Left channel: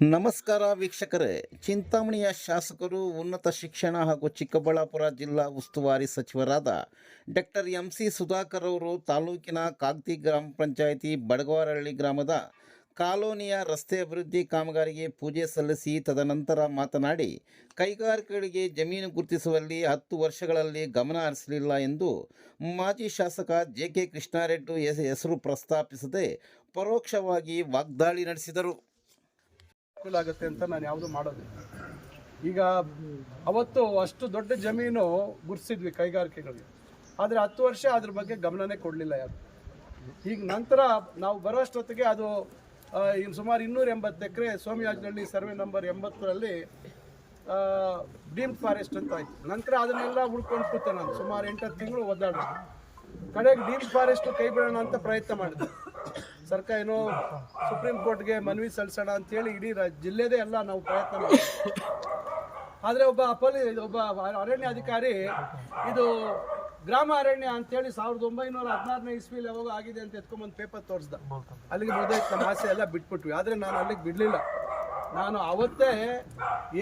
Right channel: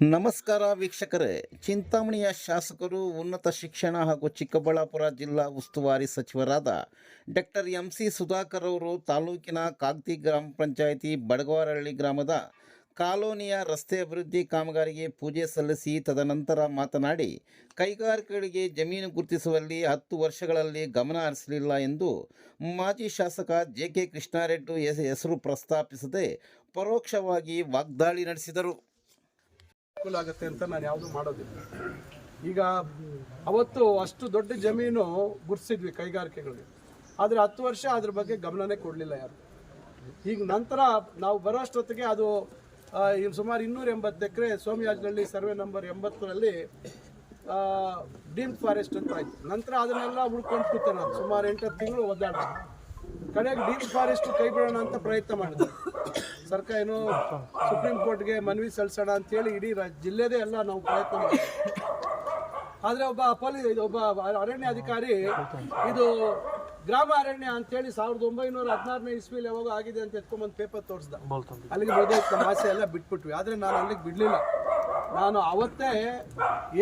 ನಮಸ್ಕಾರ ವೀಕ್ಷಕರೇ. ಚಿಂತಾಮಣಿಯ ಶಾಸಕರು, ಉನ್ನತ ಶಿಕ್ಷಣ ಹಾಗೂ ಚಿಕ್ಕಬಳ್ಳಾಪುರ ಜಿಲ್ಲಾ ಉಸ್ತುವಾರಿ ಸಚಿವರಾದ ಡಾಕ್ಟರ್ MC ಸುಧಾಕರ್ ಅವರು ತಾಲೂಕಿನ ಕಾಗ್ತಿ ಗ್ರಾಮ ಪಂಚಾಯಿತಿ ಬಡಗವಾರಹಳ್ಳಿ ಗ್ರಾಮದ ಕಾಲೋನಿಯ ರಸ್ತೆ ಅಭಿವೃದ್ಧಿ ಕಾಮಗಾರಿಗೆ ಪೂಜೆ ಸಲ್ಲಿಸಿ ತದನಂತರ ಮಾತನಾಡಿ, ಕೈಗಾರಿಕೆಗಳಿಗೆ ಜಮೀನು ಗುರುತಿಸುವಲ್ಲಿ 10 ವರ್ಷಗಳಲ್ಲಿ ಗಮನ ಹರಿಸಲಿಲ್ಲ ಎಂದು ಮಾಜಿ ಶಾಸಕ JK ಕೃಷ್ಣಾರೆಡ್ಡಿ ಹೆಸರು ಪ್ರಸ್ತಾಪಿಸದೆ ಪರೋಕ್ಷವಾಗಿ ವಾಗ್ದಾಳಿ ನಡೆಸಿದರು. ಆಗುತ್ತೆ ಅಂತ ನಾನು ಯಾವುದು ಮಾಡೋದಿಲ್ಲ. ಈಗ ಅವತ್ತು ಅಷ್ಟು ದೊಡ್ಡ ಜಮೀನು ಗುರ್ಸಿದ್ವಿ ಕೈಗಾರಿಕೆಗಳಿಗೆ, ಆದರೆ 10 ವರ್ಷ ಅದ್ರ ಬಗ್ಗೆ ಗಮನನೇ ಕೊಡಲಿಲ್ಲ ಯಾರು. ಈಗ ನಂತರ ನಾವು ಬರೋಷ್ಟೊತ್ತಿಗೆ ಅದು ಸುಮಾರು 280 ಎಕರೆ ಸೋಮಯಾಜನಹಳ್ಳಿ ಸರ್ವೆ ನಂಬರ್ 80ರಲ್ಲಿ ಡೀಮ್ಡ್ ಫಾರೆಸ್ಟ್ ಅಂತ ಆಯಿತು. ನಂತರ ಅದನ್ನೆಲ್ಲ ಉಳ್ಕೊಂಡು ಕೂತೆ ನಾನು ಸುಮಾರು 8 ತಿಂಗಳು ಒದ್ದಾಡ. ಕಡೆಗೆ ಡೀಮ್ಡ್ ಫಾರೆಸ್ಟ್ ಕೈ ಬಿಡೋಣ ಅಂತ ಪ್ರಯತ್ನ ಮಾಡಿದೆ. ಸರ್ಕಾರ ಏನೋ ಸುಪ್ರೀಂ ಕೋರ್ಟ್ಗೆ ಮನವಿ ಸಲ್ಲಿಸೋಣ ಅಂತೇಳಿ ಇಡೀ ಜಿಲ್ಲೆದೇ ಎಲ್ಲ ನಾವು ಪ್ರಯತ್ನ ಮಾಡಿದ್ವಿ. ಆದರೆ ಒಬ್ಬ ಅರಣ್ಯ ಅಧಿಕಾರಿ ಇದು ಗ್ರಾಮ ಅರಣ್ಯ ಅಂತೇಳಿ 1916ನೇ ಇಸ್ವಿಲಿ ಯಾವಾಗ ಆಗಿದೆ ಅಂತ ಎತ್ಕೊಂಡ್ಬಂದು ಪೇಪರ್ ತೋರಿಸ್ದ. ಅಲ್ಲಿಗೆ ಮುಗಿದೈತೆ ನಮ್ಮ ಆಸೆ ಎಲ್ಲ ಬಿಟ್ಬಿಟ್ವಿ. ಆದರೆ ನಾನು ಅಲ್ಲಿಗೆ ಬಿಡಲಿಲ್ಲ. ನಾನು ಅವತ್ತೇ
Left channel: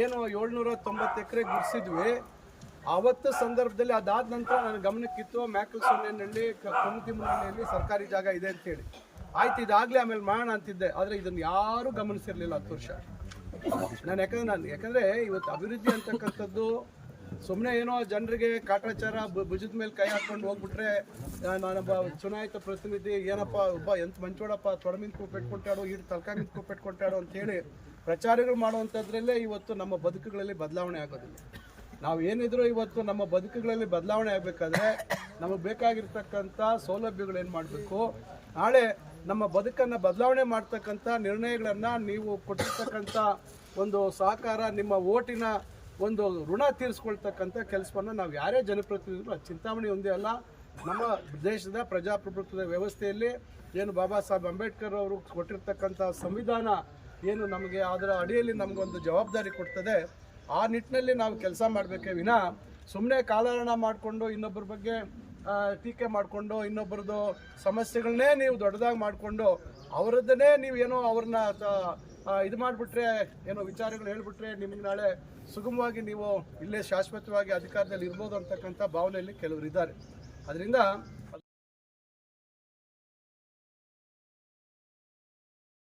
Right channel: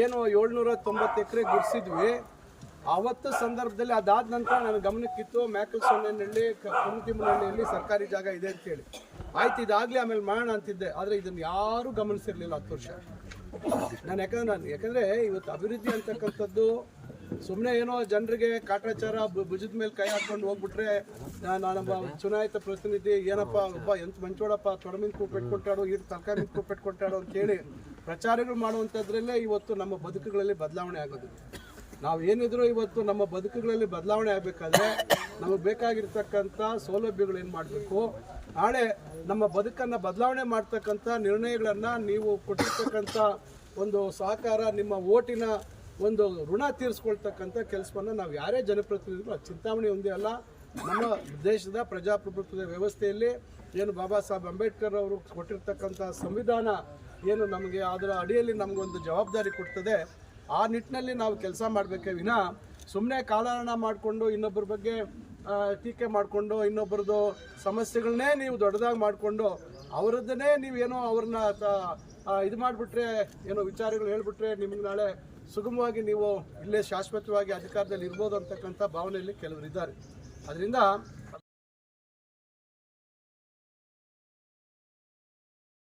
ಏನು 790 ಎಕರೆ ಗುರ್ಸಿದ್ವಿ. ಆವತ್ತು ಸಂದರ್ಭದಲ್ಲಿ ಅದಾದ ನಂತರ ನನ್ನ ಗಮನಕ್ಕಿತ್ತು ಮ್ಯಾಕಲ್ಸೊನ್ನೆಹಳ್ಳಿ, ಕಮ್ಮತಿಮ್ಮನಹಳ್ಳಿಯಲ್ಲಿ ಸರ್ಕಾರಿ ಜಾಗ ಇದೆ ಅಂತೇಳಿ. ಆಯ್ತು, ಇದಾಗಲೇ ಆಮೇಲೆ ಮಾಡೋಣ ಅಂತಿದ್ದೆ. ಆದರೆ ಇದನ್ನು ಯಾರೂ ಗಮನಿಸಿರಲಿಲ್ಲ 10 ವರ್ಷ. ಯಾಕಂದರೆ ಇವತ್ತು ಅಭಿವೃದ್ಧಿ ಅಂತಕ್ಕಂಥದ್ದು ಸುಮ್ಮನೆ ಏನೋ ಜನರಿಗೆ ಕಾಟಾಚಾರ ಭುಜದ ಮೇಲೆ ಕೈ ಹಾಕ್ಕೊಂಡು ಹೋಗ್ಬಿಟ್ರೆ ನಾನೊಬ್ಬ ಚುನಾಯಿತ ಪ್ರತಿನಿಧಿ ಏನಪ್ಪ ಒಬ್ಬ ಎಂತ ಮಂಚೋಡಪ್ಪ ತೊಡಮಿನ ಕೂಪೆಟ್ಕೊಟ್ಟಾಡೋ ಈಡು ತಲಕಾಯಿ ಮಿಂದ ಕೂಪೆಟ್ಕೊಟ್ಟಾಡೋ ಅಂತೇಳಿ ಪ್ರಚಾರಗಳು ಮಾಡುವಂಥದ್ರಲ್ಲೇ ಇವತ್ತು ನಮ್ಮ ಬದುಕುಗಳಲ್ಲಿ ಬದಲಾವಣೆ ಆಗೋದಿಲ್ಲ. ನಾವು ಏನಿದ್ರು ಇವತ್ತು ನಮ್ಮ ಬದುಕುಗಳಲ್ಲಿ ಬದಲಾವಣೆ ಆಗಬೇಕಾದ್ರೆ ನಮಗೆ ಬೇಕಾಗಿರ್ತಕ್ಕಂಥ ಸೌಲಭ್ಯಗಳು ಏನು ಮಾಡಬೇಕು, ನಾಳೆ ನಮ್ಮ ಬದುಕನ್ನು ಬದಲಾವಣೆ ಮಾಡ್ತಕ್ಕಂಥ ನಿರ್ಣಯಗಳನ್ನು ನೀವು ಕೊಟ್ಟಿರ್ತಕ್ಕಂಥ ಒಂದು ಸಹಕಾರ, ನಿಮ್ಮ ಓಟಿನ ಒಂದು ಋಣ ತೀರಿಸ್ಕೊಳ್ತಕ್ಕಂಥ ಕೆಲಸವನ್ನು ನಾವು ಯಾರೇ ಜನಪ್ರತಿನಿಧಿಗಳು, ಚಿಂತಾಮಣಿ ಒಂದೇ ಅಲ್ಲ, ನಮ್ಮ ದೇಶದ ಪ್ರಜಾಪ್ರಭುತ್ವದ ವ್ಯವಸ್ಥೆಯಲ್ಲಿ ಏನು ಬಾಬಾ ಸಾಹೇಬ್ ಅಂಬೇಡ್ಕರ್ ಅವರು ಕೊಟ್ಟಿರ್ತಕ್ಕಂಥ ಸಂವಿಧಾನ ಏನು ನಮಗೆ ಅದರ ಅಡಿಯಲ್ಲಿ ನಮಗೊಂದು ಜವಾಬ್ದಾರಿ ಕೊಡ್ತದೆ, ಆ ನಿಟ್ಟಿನಲ್ಲಿ ನಾವು ಕೆಲಸ ಮಾಡಬೇಕೇ ವಿನ ಸುಮ್ಮನೆ ಕಾಲಹರಣ ಮಾಡಿಕೊಂಡು ಇನ್ನೊಬ್ಬರ ಬಗ್ಗೆ ಟೀಕೆ ಮಾಡಿಕೊಂಡು ಇನ್ನೊಬ್ಬರದ್ದು ಸಮಸ್ಯೆಗಳನ್ನೇ ನೀವು ದೊಡ್ಡದಾಗಿ ಮಾಡಿಕೊಂಡು ಅವರದ್ದನ್ನೇ ನೀವು ಏನೋ ಅವ್ರನ್ನ ಇದು ಮಾಡಿಬಿಟ್ರೆ, ಏನೋ ವಿಚಾರಗಳು ಹೇಳಿಬಿಟ್ರೆ ನಿಮಗೆ ನಾಳೆ ಸುಗಮವಾಗಿ ನೀವು ಇಲ್ಲೇ ಶಾಶ್ವತವಾಗಿ ಅಧಿಕಾರದಲ್ಲಿ ಇರ್ಬೋದು ಅಂತಕ್ಕಂಥ ಭಾವನೆಯಲ್ಲಿ ಕೆಲವರು ಇದ್ದಾರೆ. ಅದರಿಂದ